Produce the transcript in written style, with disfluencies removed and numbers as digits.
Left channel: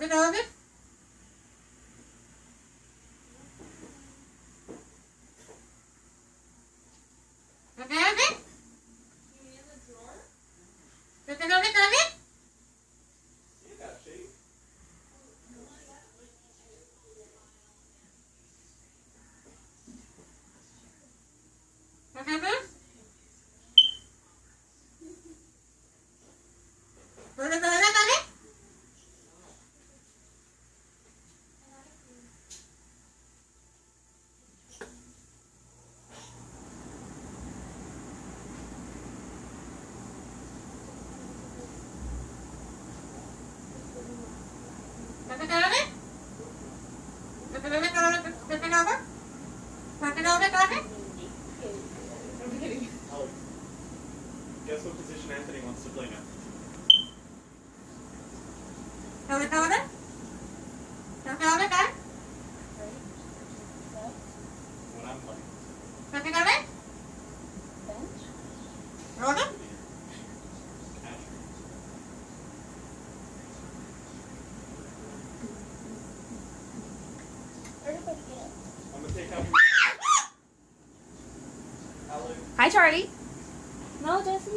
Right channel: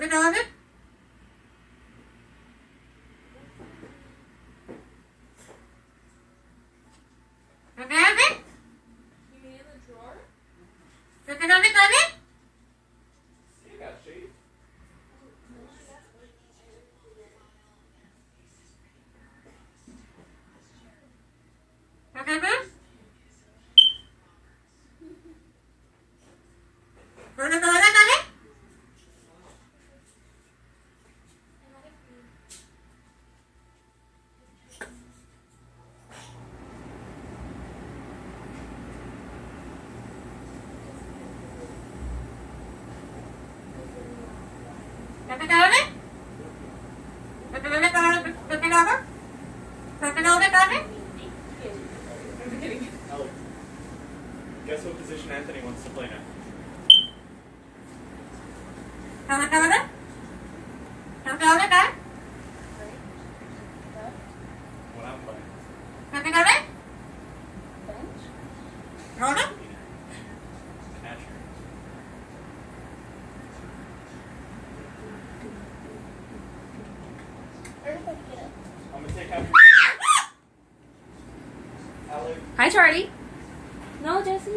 Second হবে? Second হবে? Second হবে তাহলে? Second হবে? Second হবে তাহলে? Second হবে? Second হবে তাহলে? Second হবে? Second হবে তাহলে? Alex, guess what position Anthony wants to play now? Second হবে? Second হবে তাহলে? When I'm playing. Second হবে? হবে? Catcher. Everybody get up. I'm gonna take catcher. Alex. Hi, Charlie. No, Jesse.